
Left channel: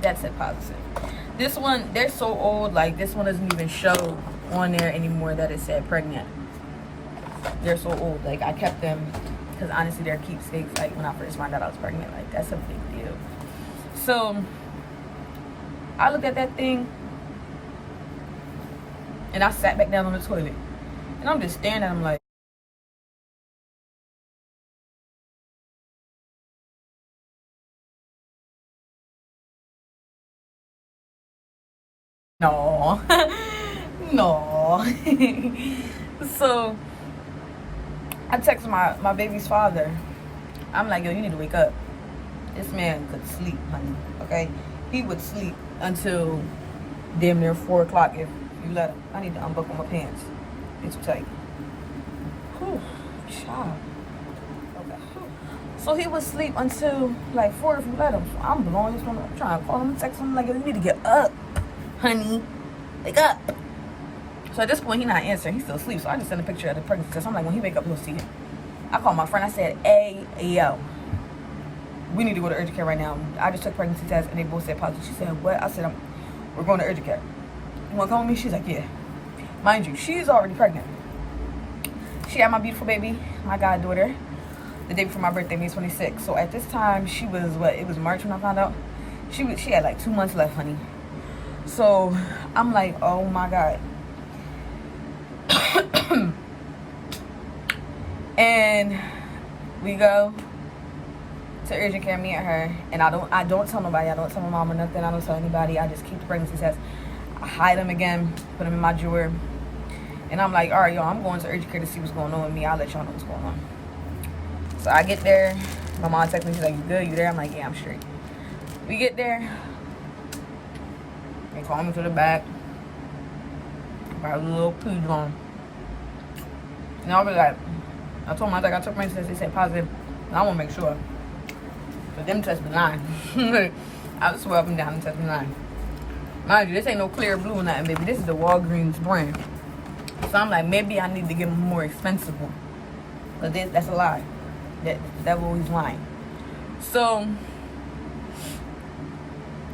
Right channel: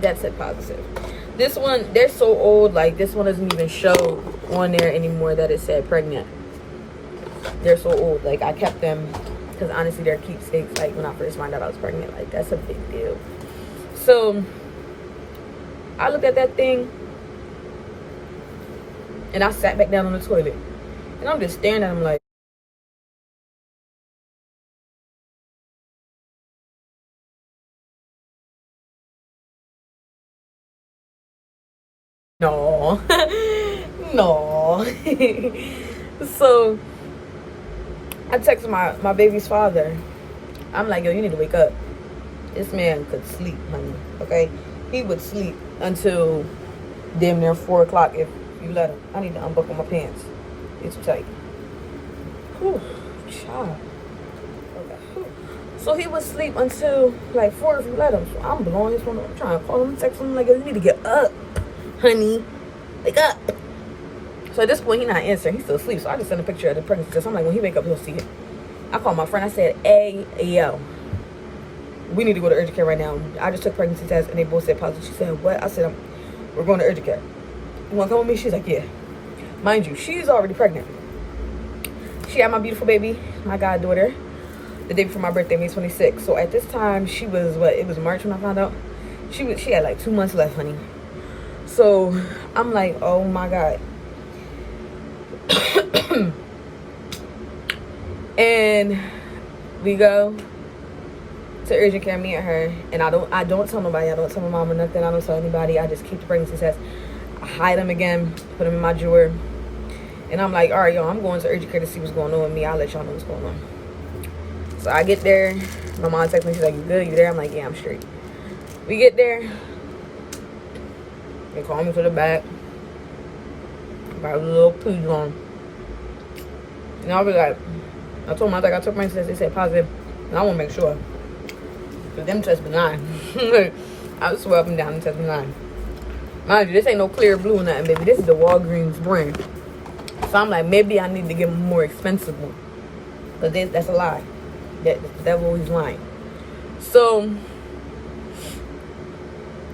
That's it, positive. This one, they're so old, like this one doesn't even show on there anymore that it said pregnant. They're so old. Like, I kept them because honestly they're keepsakes. Like, when I first found out I was pregnant, like, that's a big deal. So I looked at that thing and I sat back down on the toilet and I'm just staring at him like, no. No. So I text my baby's father. I'm like, yo, you need to wake up. This man could sleep, honey, okay? He would sleep until damn near 4 o'clock if you let him. I need to unbuckle my pants. It's too tight. Whew, child. Okay. Whew. So he would sleep until like 4 if you let him. So I'm blowing his phone up. I'm trying to call him, text him like, you need to get up, honey. Wake up. So at this point, he's not answering. He's still asleep. So I just sent a picture of the pregnancy test. I'm like, when he wake up, he'll see it. I called my friend. I said, hey, yo, we need to go to urgent care right now. I just took pregnancy test and they both said positive. She said, what? I said, we're going to urgent care. You want to come with me? She's like, yeah. Mind you, she's already pregnant. She had my beautiful baby, my goddaughter, the day before my birthday, May 26th. So at this time, she was, what? It was March when I found out. She had like 2 months left, honey. So I'm like, oh my God. And we go to urgent care, me and her, and I don't tell nobody. I don't tell my mom or nothing. I don't tell anybody. I just keep the pregnancy tests. I hide them again, put them in my drawer. And I'm like, all right, y'all, I'm going to urgent care to see what's going on with me. I'll let y'all know what's going on. So I get there. My mom texts me. She's like, you good? You there? I'm like, yeah, I'm straight. We get there. They call me to the back. Got a little pooge on. And I was like, I told them, I was like, I took my test. They said positive. And I want to make sure. But them tests benign. I swear up and down, them tests benign. Mind you, this ain't no clear blue or nothing, baby. This is the Walgreens brand. So I'm like, maybe I need to get a more expensive one. Because that's a lie. The devil, he's lying. So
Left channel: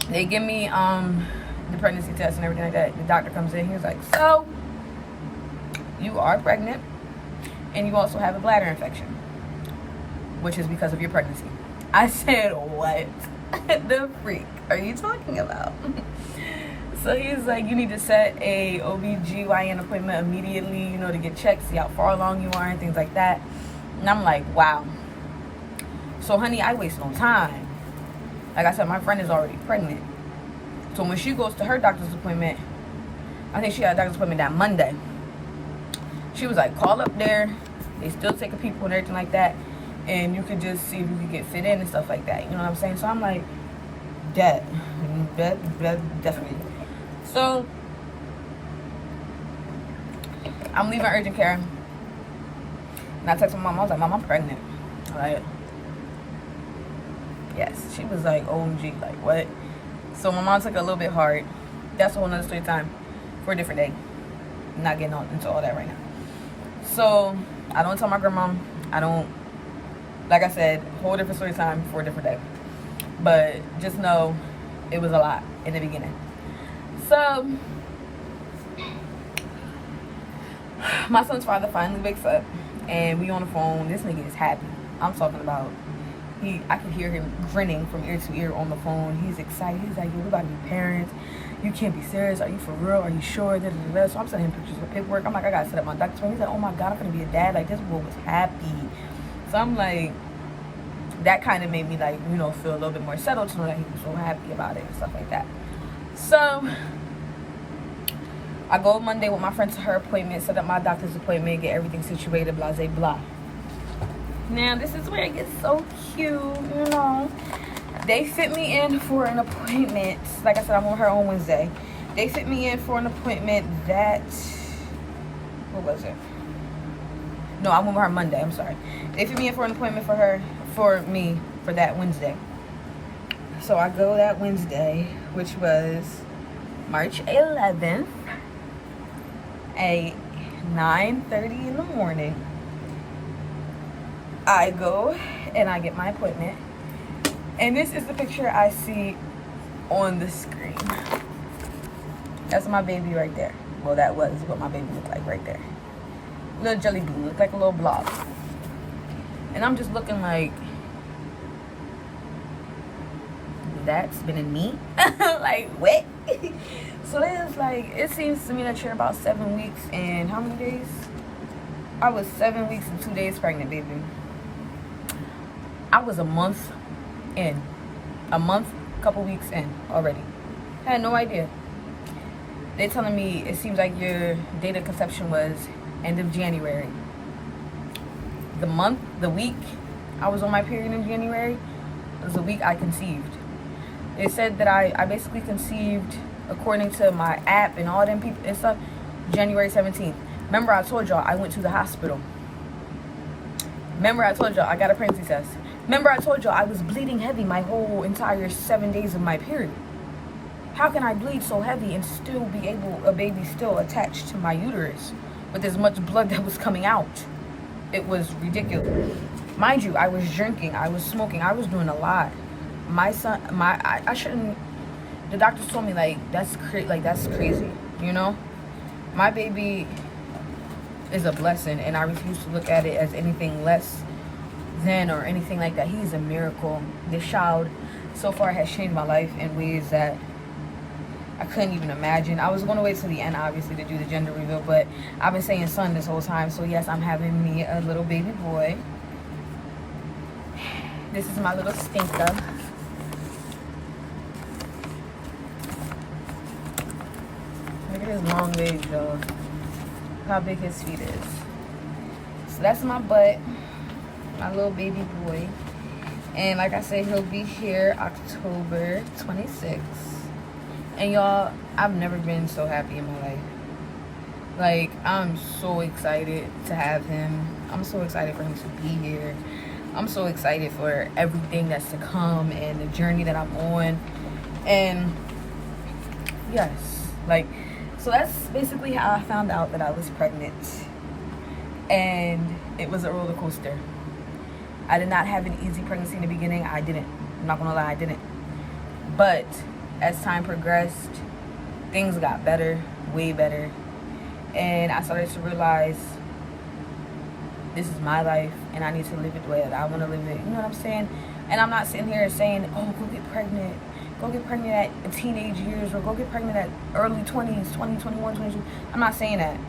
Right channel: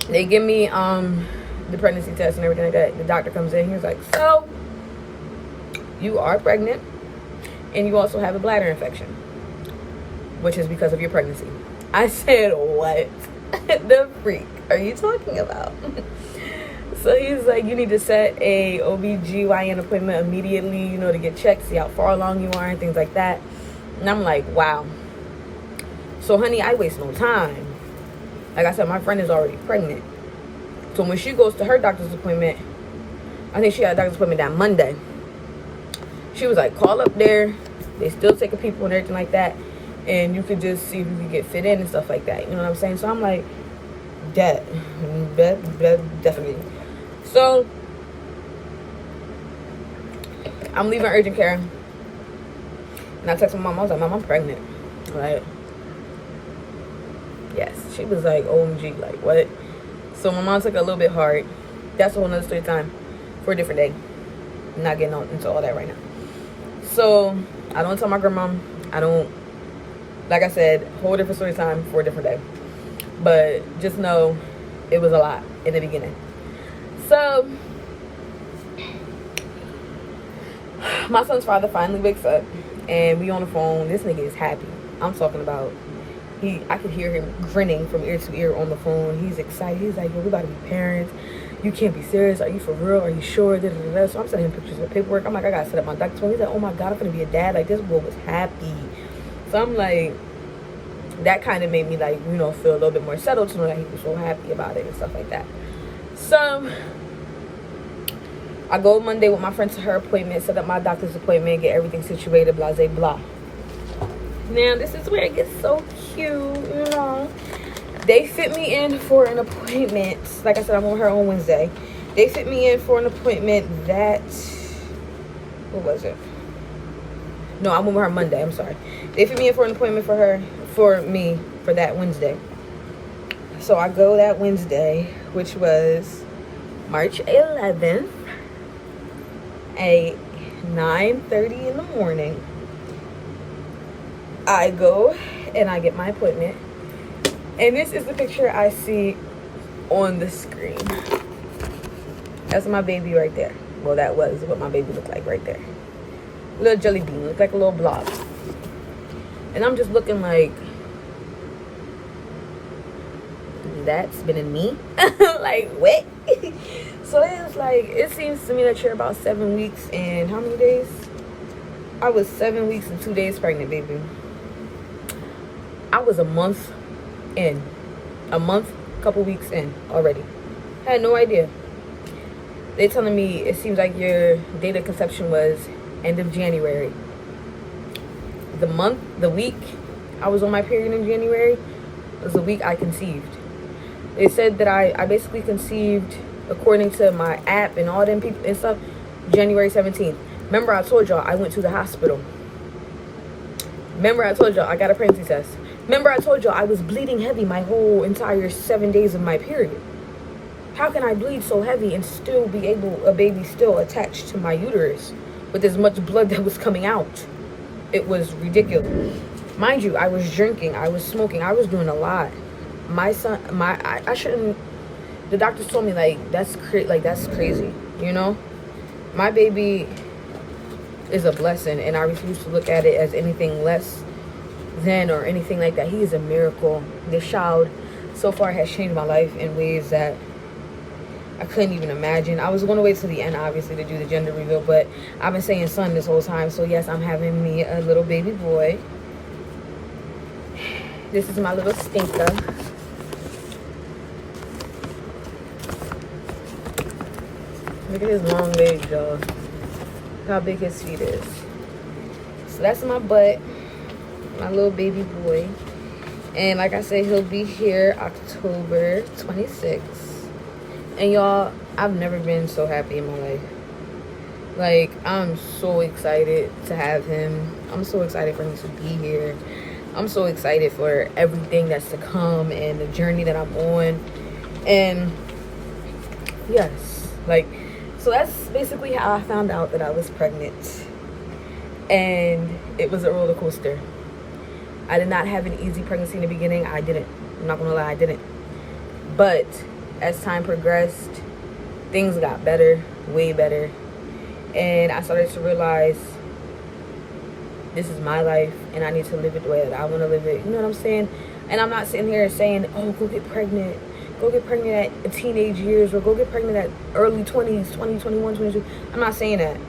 they give me the pregnancy test and everything like that. The doctor comes in. He's like, so you are pregnant and you also have a bladder infection, which is because of your pregnancy. I said, what the freak are you talking about? So he's like, you need to set a OBGYN appointment immediately, you know, to get checked, see how far along you are and things like that. And I'm like, wow. So, honey, I waste no time. Like I said, my friend is already pregnant. So when she goes to her doctor's appointment, I think she had a doctor's appointment that Monday. She was like, call up there. They still take a people and everything like that. And you could just see if you can get fit in and stuff like that. You know what I'm saying? So I'm like, definitely. So I'm leaving urgent care. And I text my mom. I was like, Mom, I'm pregnant. Like, yes. She was like, OMG, like, what? So my mom took it a little bit hard. That's a whole nother story time for a different day. I'm not getting into all that right now. So I don't tell my grandma. I don't, like I said, whole different story time for a different day. But just know it was a lot in the beginning. So my son's father finally wakes up and we on the phone. This nigga is happy. I'm talking about, I could hear him grinning from ear to ear on the phone. He's excited. He's like, yo, we about to be parents. You can't be serious. Are you for real? Are you sure? Da, da, da, da. So I'm sending him pictures of paperwork. I'm like, I gotta set up my doctor's phone. He's like, oh my God, I'm gonna be a dad. Like, this boy was happy. So I'm like, that kind of made me, like, you know, feel a little bit more settled to know that he was so happy about it and stuff like that. So I go Monday with my friend to her appointment, set up my doctor's appointment, get everything situated, blah, blah, blah. Now, this is where it gets so cute, you know. They fit me in for an appointment. Like I said, I'm with her on Wednesday. They fit me in for an appointment that, what was it? No, I'm with her Monday. I'm sorry. They fit me in for an appointment for me, for that Wednesday. So I go that Wednesday, which was March 11th at 9:30 in the morning. I go and I get my appointment. And this is the picture I see on the screen. That's my baby right there. Well, that was what my baby looked like right there. Little jelly bean, looked like a little blob. And I'm just looking like, that's been in me? Like, what? So it's like, it seems to me that you're about 7 weeks and how many days? I was 7 weeks and 2 days pregnant, baby. I was a month in. Couple weeks in already. I had no idea. They're telling me it seems like your date of conception was end of January. The week I was on my period in January was the week I conceived. They said that I basically conceived, according to my app and all them people and stuff, January 17th. Remember I told y'all I went to the hospital. Remember I told y'all I got a pregnancy test. Remember I told y'all I was bleeding heavy my whole entire 7 days of my period. How can I bleed so heavy and still be a baby still attached to my uterus with as much blood that was coming out? It was ridiculous. Mind you, I was drinking, I was smoking, I was doing a lot. My son, I shouldn't, the doctors told me, like, that's crazy, you know? My baby is a blessing, and I refuse to look at it as anything less than or anything like that. He is a miracle. This child so far has changed my life in ways that I couldn't even imagine. I was going to wait till the end, obviously, to do the gender reveal, but I've been saying son this whole time. So yes, I'm having me a little baby boy. This is my little stinker. Look at his long legs, y'all. how big his feet is. So that's my butt, my little baby boy. And like I said, he'll be here October 26th. And y'all, I've never been so happy in my life. Like, I'm so excited to have him. I'm so excited for him to be here. I'm so excited for everything that's to come and the journey that I'm on. And yes, like, so that's basically how I found out that I was pregnant. And it was a roller coaster. I did not have an easy pregnancy in the beginning. I didn't. I'm not gonna lie, I didn't. But as time progressed, things got better, way better. And I started to realize this is my life and I need to live it the way that I want to live it. You know what I'm saying? And I'm not sitting here saying, oh, go get pregnant. Go get pregnant at teenage years, or go get pregnant at early 20s, 20, 21, 22. I'm not saying that.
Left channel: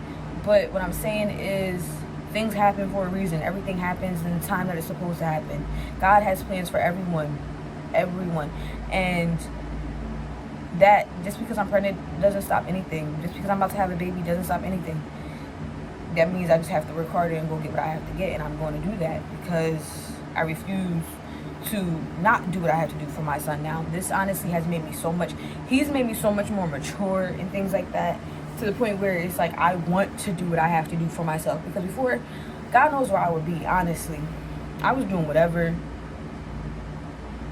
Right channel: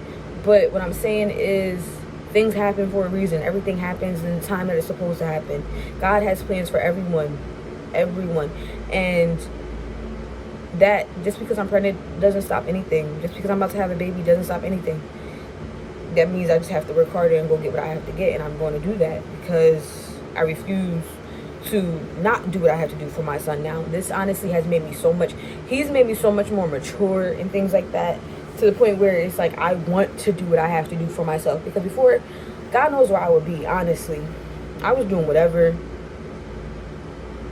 But what I'm saying is things happen for a reason. Everything happens in the time that it's supposed to happen. God has plans for everyone. Everyone. And that just because I'm pregnant doesn't stop anything. Just because I'm about to have a baby doesn't stop anything. That means I just have to work harder and go get what I have to get. And I'm going to do that because I refuse to not do what I have to do for my son now. This honestly has made me so much. He's made me so much more mature and things like that, to the point where it's like I want to do what I have to do for myself. Because before, God knows where I would be, honestly. I was doing whatever.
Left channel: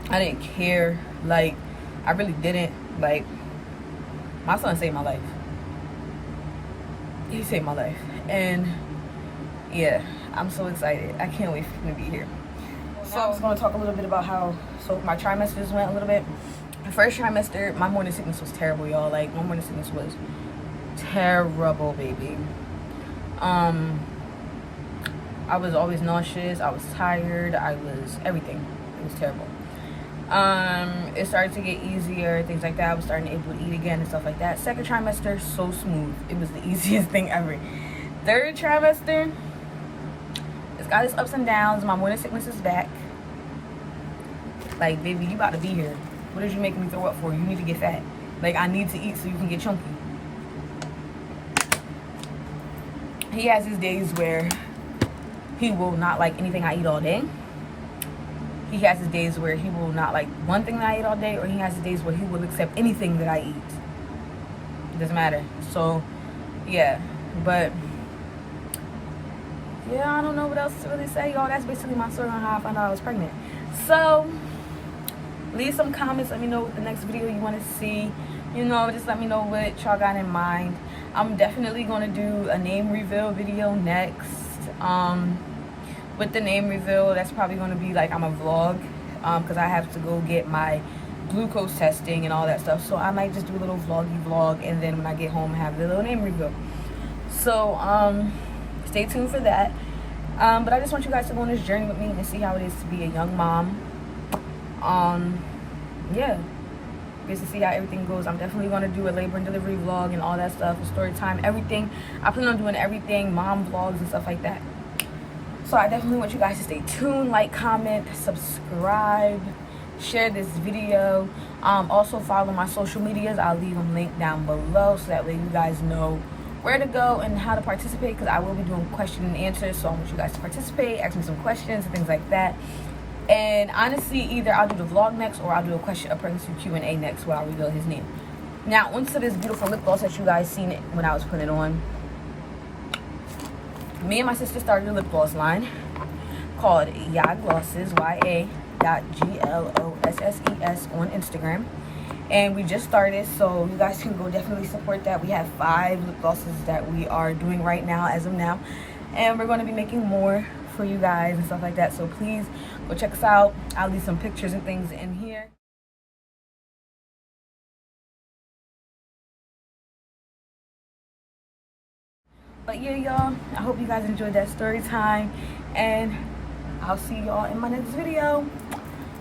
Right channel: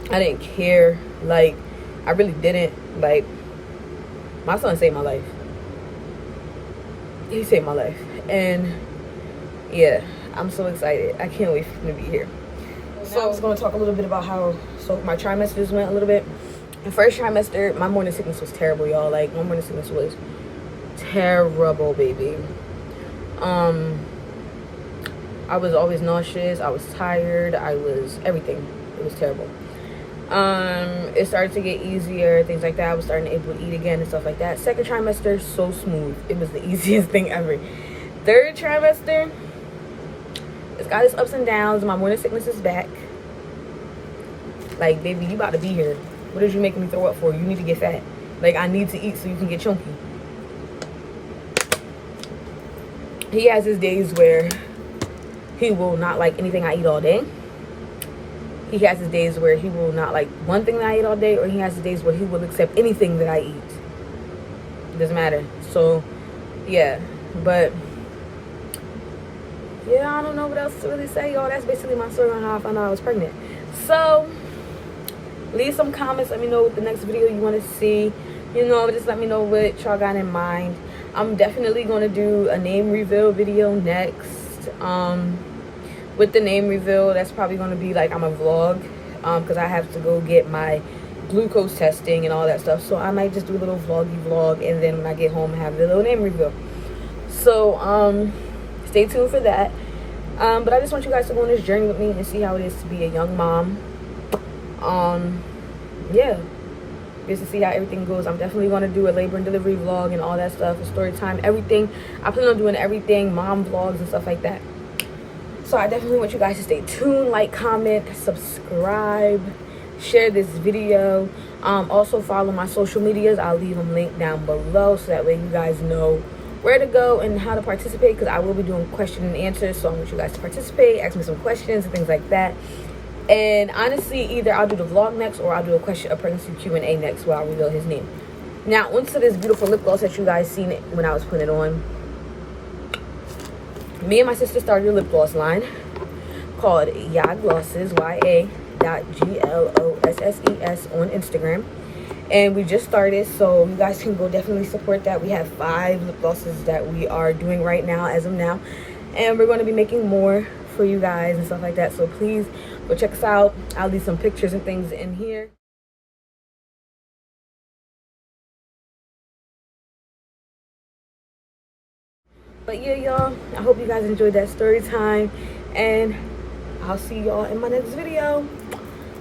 I didn't care. Like, I really didn't. Like, my son saved my life. He saved my life. And yeah, I'm so excited. I can't wait for him to be here. So I was going to talk a little bit about how my trimesters went a little bit. The first trimester, my morning sickness was terrible, y'all. Like, my morning sickness was terrible, baby. I was always nauseous. I was tired. I was everything. It was terrible. It started to get easier, things like that. I was starting to able to eat again and stuff like that. Second trimester, so smooth. It was the easiest thing ever. Third trimester, it's got its ups and downs. My morning sickness is back. Like, baby, you about to be here. What is you making me throw up for? You need to get fat. Like, I need to eat so you can get chunky. He has his days where he will not like anything I eat all day. He has his days where he will not like one thing that I eat all day, or he has his days where he will accept anything that I eat. It doesn't matter. So, yeah. But yeah, I don't know what else to really say, y'all. That's basically my story on how I found out I was pregnant. So, leave some comments. Let me know what the next video you want to see. You know, just let me know what y'all got in mind. I'm definitely going to do a name reveal video next. With the name reveal, that's probably going to be like I'm a vlog. Because I have to go get my glucose testing and all that stuff. So, I might just do a little vloggy vlog. And then when I get home, have the little name reveal. So, stay tuned for that. But I just want you guys to go on this journey with me and see how it is to be a young mom. Yeah, just to see how everything goes. I'm definitely going to do a labor and delivery vlog and all that stuff, a story time, everything. I plan on doing everything, mom vlogs and stuff like that. So I definitely want you guys to stay tuned, like, comment, subscribe, share this video. Also follow my social medias. I'll leave them linked down below so that way you guys know where to go and how to participate, because I will be doing question and answers. So I want you guys to participate, ask me some questions and things like that. And honestly, either I'll do the vlog next or I'll do a pregnancy Q&A next where I'll reveal his name. Now, onto this beautiful lip gloss that you guys seen it when I was putting it on. Me and my sister started a lip gloss line called Ya.glosses, Ya.glosses on Instagram. And we just started, so you guys can go definitely support that. We have 5 lip glosses that we are doing right now, as of now. And we're going to be making more for you guys and stuff like that. So please go check us out. I'll leave some pictures and things in here. But yeah, y'all, I hope you guys enjoyed that story time. And I'll see y'all in my next video.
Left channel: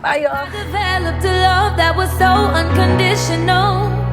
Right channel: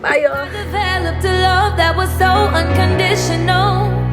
Bye, y'all. I developed a love that was so unconditional.